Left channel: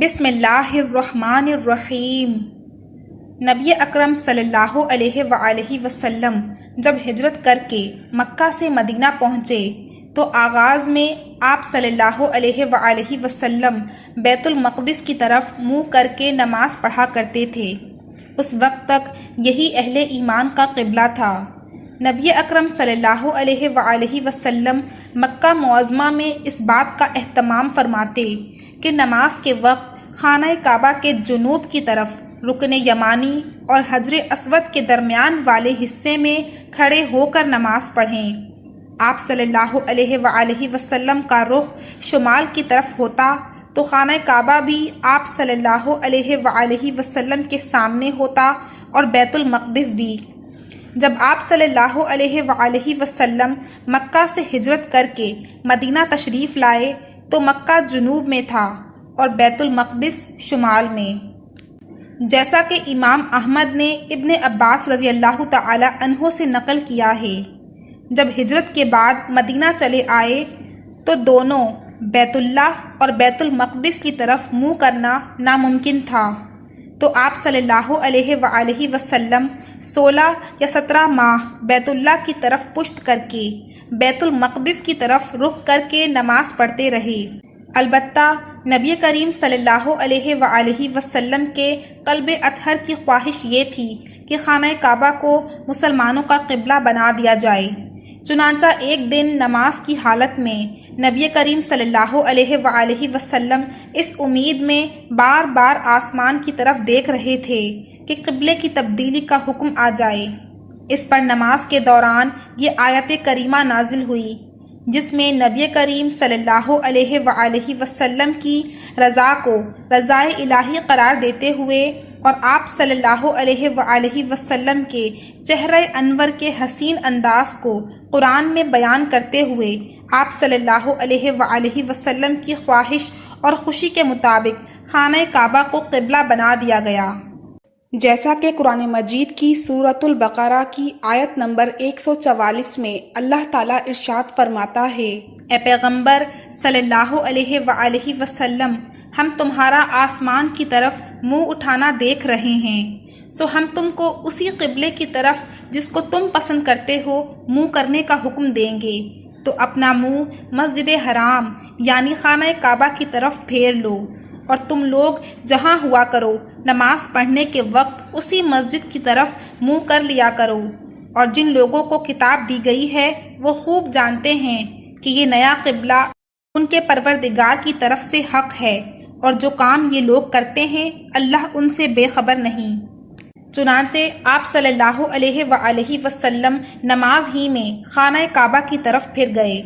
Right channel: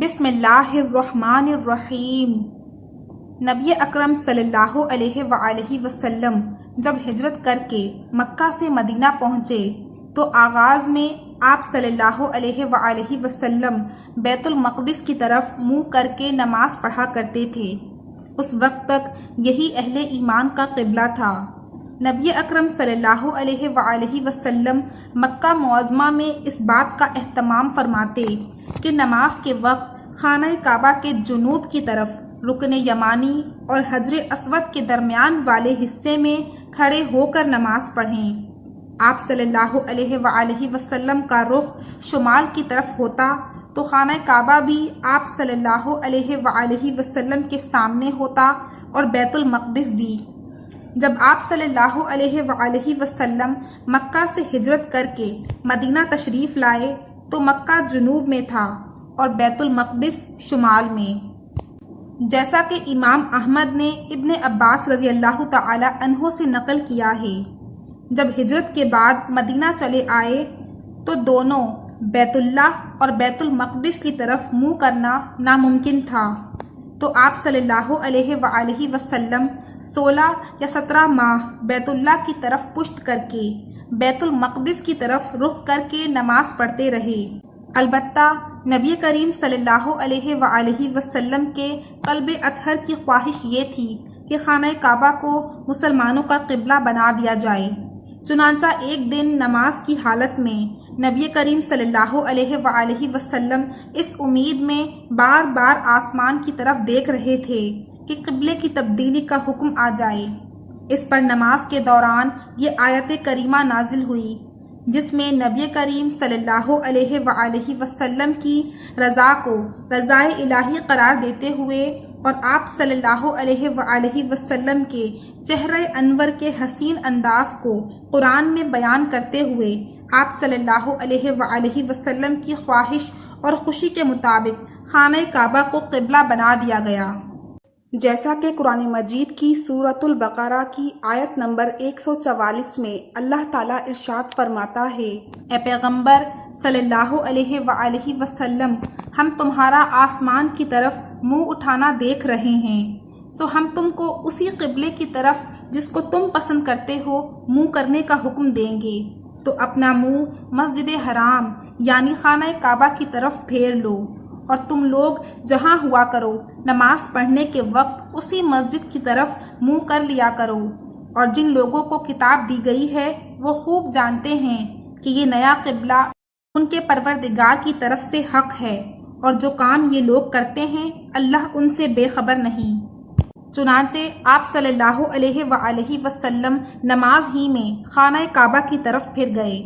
بسم اللہ الرحمن الرحیم۔ نبی اکرم صلی اللہ علیہ وآلہ وسلم جب ہجرت کر کے مکہ سے مدینہ پہنچے تو آغاز میں آپ صلی اللہ علیہ وآلہ وسلم بیت المقدس کی طرف منہ کر کے نماز پڑھا کرتے تھے۔ اس وقت تک یہی اہل ایمان کا قبلہ تھا۔ نبی اکرم صلی اللہ علیہ وآلہ وسلم مکہ معظمہ میں اس بات کا اہتمام فرماتے کہ نماز کے وقت خانہ کعبہ کے جنوب کی طرف رکن یمانی اور حجر اسود کے درمیان والے حصے میں کھڑے ہو کر نماز پڑھیں۔ آپ صلی اللہ علیہ وآلہ وسلم کا رخ شمال کی طرف ہوتا تو خانہ کعبہ بھی آپ صلی اللہ علیہ وآلہ وسلم کے سامنے ہوتا اور بیت المقدس بھی۔ جب آپ صلی اللہ علیہ وآلہ وسلم مکہ سے ہجرت کر کے مدینہ تشریف لائے تو مکہ جنوب میں تھا اور بیت المقدس شمال میں، جیسا کہ امام احمد نے ابن عباس رضی اللہ تعالی عنہ سے نقل کیا ہے۔ جب ہجرت کے بعد مدینہ چلے آئے تو دونوں بیت اللہ اور بیت المقدس کی طرف منہ کرنا ناممکن تھا، تو آپ صلی اللہ علیہ وآلہ وسلم 16 یا 17 ماہ بیت اللہ کی طرف پشت کر کے بیت المقدس کی طرف رخ کر کے نماز پڑھتے رہے۔ البتہ نبی کریم صلی اللہ علیہ وآلہ وسلم کے قلب اطہر کی خواہش یہ تھی کہ خانہ کعبہ کو مسلمانوں کا قبلہ بنا دیا جائے۔ چنانچہ ایک دن نماز کی حالت میں نبی کریم صلی اللہ علیہ وآلہ وسلم اس امید میں بار بار آسمان کی طرف دیکھ رہے تھے کہ قبلے کی تبدیلی کا حکم آ جائے۔ اس پر نماز کے دوران یہ آیت کریمہ نازل ہوئی جس میں نبی کریم صلی اللہ علیہ وآلہ وسلم کی رضا کو رضائے الہی قرار دیتے ہوئے اور آپ صلی اللہ علیہ وآلہ وسلم کے چہرہ انور کے حسین انداز کو قرآن میں بیان کرتے ہوئے آپ صلی اللہ علیہ وآلہ وسلم کی خواہش اور خوشی کے مطابق خانہ کعبہ کو قبلہ بنا دیا گیا، جیسا کہ قرآن مجید کی سورۃ البقرہ کی آیت نمبر 144 میں اللہ تعالیٰ ارشاد فرماتا ہے: اے پیغمبر صلی اللہ علیہ وآلہ وسلم، ہم تمہارا آسمان کی طرف منہ اٹھانا دیکھ رہے ہیں، سو ہم تم کو اسی قبلے کی طرف جس کو تم پسند کرتے ہو منہ کرنے کا حکم دیں گے، تو اپنا منہ مسجد حرام یعنی خانہ کعبہ کی طرف پھیر لو، اور تم لوگ جہاں ہوا کرو نماز پڑھنے کے وقت اسی مسجد کی طرف منہ کر لیا کرو۔ اور جن لوگوں کو کتاب دی گئی ہے وہ خوب جانتے ہیں کہ یہ نیا قبلہ ان کے پروردگار کی طرف سے حق ہے، اور جو کام یہ لوگ کرتے ہیں اللہ ان سے بے خبر نہیں۔ چنانچہ آپ صلی اللہ علیہ وآلہ وسلم نماز ہی میں خانہ کعبہ کی طرف پھر گئے۔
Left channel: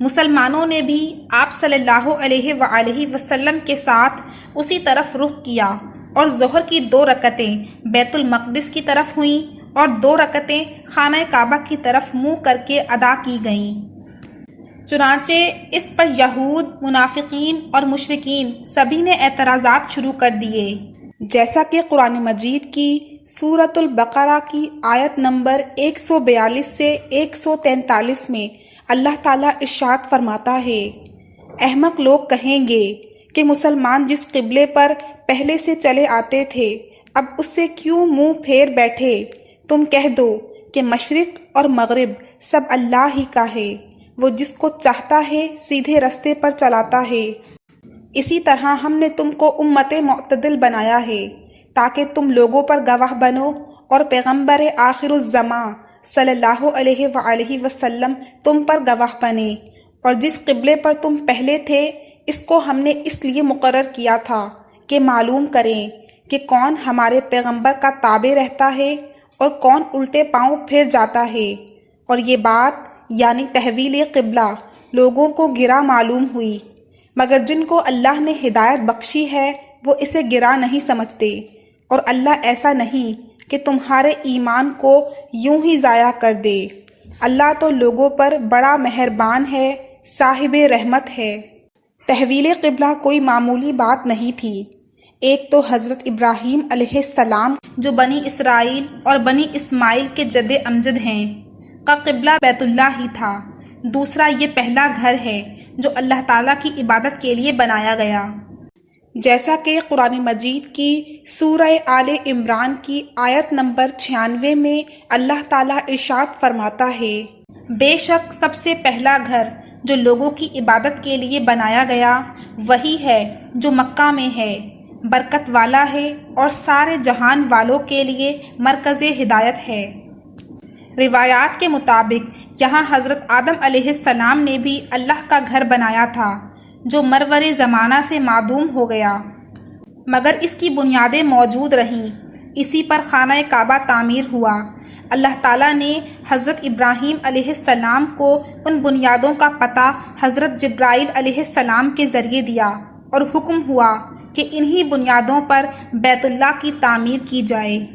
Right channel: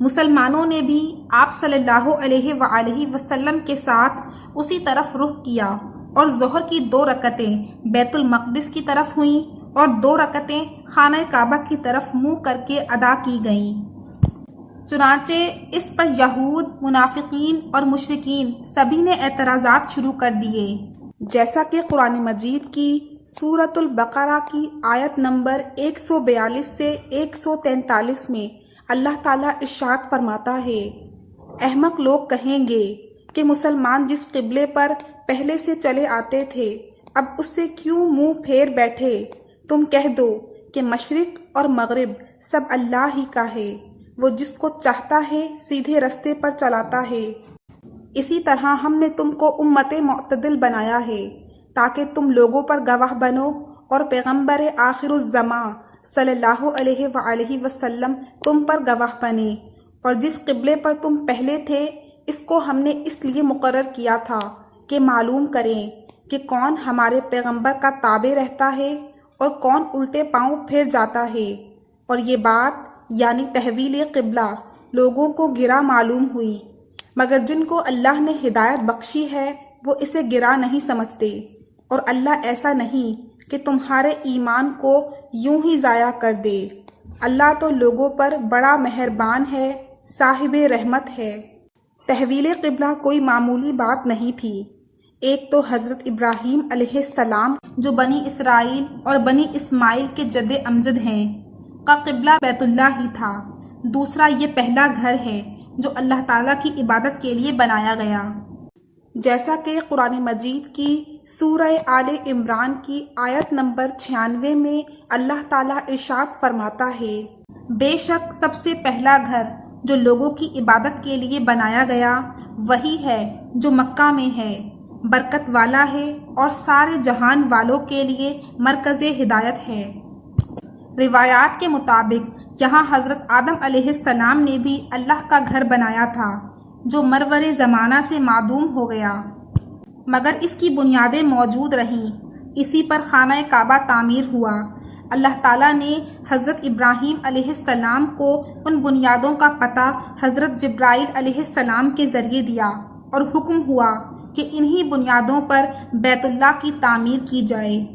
مسلمانوں نے بھی آپ صلی اللہ علیہ وآلہ وسلم کے ساتھ اسی طرف رخ کیا، اور ظہر کی 2 رکعتیں بیت المقدس کی طرف ہوئیں اور 2 رکعتیں خانہ کعبہ کی طرف منہ کر کے ادا کی گئیں۔ چنانچہ اس پر یہود، منافقین اور مشرکین سبھی نے اعتراضات شروع کر دیے، جیسا کہ قرآن مجید کی سورۃ البقرہ کی آیت نمبر 142 سے 143 میں اللہ تعالیٰ ارشاد فرماتا ہے: احمق لوگ کہیں گے کہ مسلمان جس قبلے پر پہلے سے چلے آتے تھے اب اس سے کیوں منہ پھیر بیٹھے؟ تم کہہ دو کہ مشرق اور مغرب سب اللہ ہی کا ہے، وہ جس کو چاہتا ہے سیدھے رستے پر چلاتا ہے۔ اسی طرح ہم نے تم کو امت معتدل بنایا ہے تاکہ تم لوگوں پر گواہ بنو، اور پیغمبر آخر الزماں صلی اللہ علیہ وآلہ وسلم تم پر گواہ بنے، اور جس قبلے پر تم پہلے تھے اس کو ہم نے اس لیے مقرر کیا تھا کہ معلوم کریں کہ کون ہمارے پیغمبر کا تابع رہتا ہے اور کون الٹے پاؤں پھر جاتا ہے۔ اور یہ بات یعنی تحویل قبلہ لوگوں کو گرا معلوم ہوئی، مگر جن کو اللہ نے ہدایت بخشی ہے وہ اسے گرا نہیں سمجھتے، اور اللہ ایسا نہیں کہ تمہارے ایمان کو یوں ہی ضائع کر دے۔ اللہ تو لوگوں پر بڑا مہربان ہے، صاحب رحمت ہے۔ تحویل قبلہ کوئی معمولی بات نہیں تھی۔ ایک تو حضرت ابراہیم علیہ السلام جو بنی اسرائیل اور بنی اسماعیل کے جد امجد ہیں کا قبلہ بیت اللہ ہی تھا، دوسرا یہ پہلا گھر ہے جو اللہ تعالیٰ کی عبادت کے لیے بنایا گیا۔ جیسا کہ قرآن مجید کی سورہ آل عمران کی آیت نمبر 96 میں اللہ تعالیٰ ارشاد فرماتا ہے، بے شک سب سے پہلا گھر جو لوگوں کی عبادت کے لیے بنایا گیا وہی ہے جو مکہ میں ہے، برکت والا ہے اور سارے جہان والوں کے لیے مرکز ہدایت ہے۔ روایات کے مطابق یہاں حضرت آدم علیہ السلام نے بھی اللہ کا گھر بنایا تھا جو مرور زمانہ سے معدوم ہو گیا، مگر اس کی بنیادیں موجود رہیں۔ اسی پر خانہ کعبہ تعمیر ہوا۔ اللہ تعالیٰ نے حضرت ابراہیم علیہ السلام کو ان بنیادوں کا پتہ حضرت جبرائیل علیہ السلام کے ذریعے دیا اور حکم ہوا کہ انہی بنیادوں پر بیت اللہ کی تعمیر کی جائے۔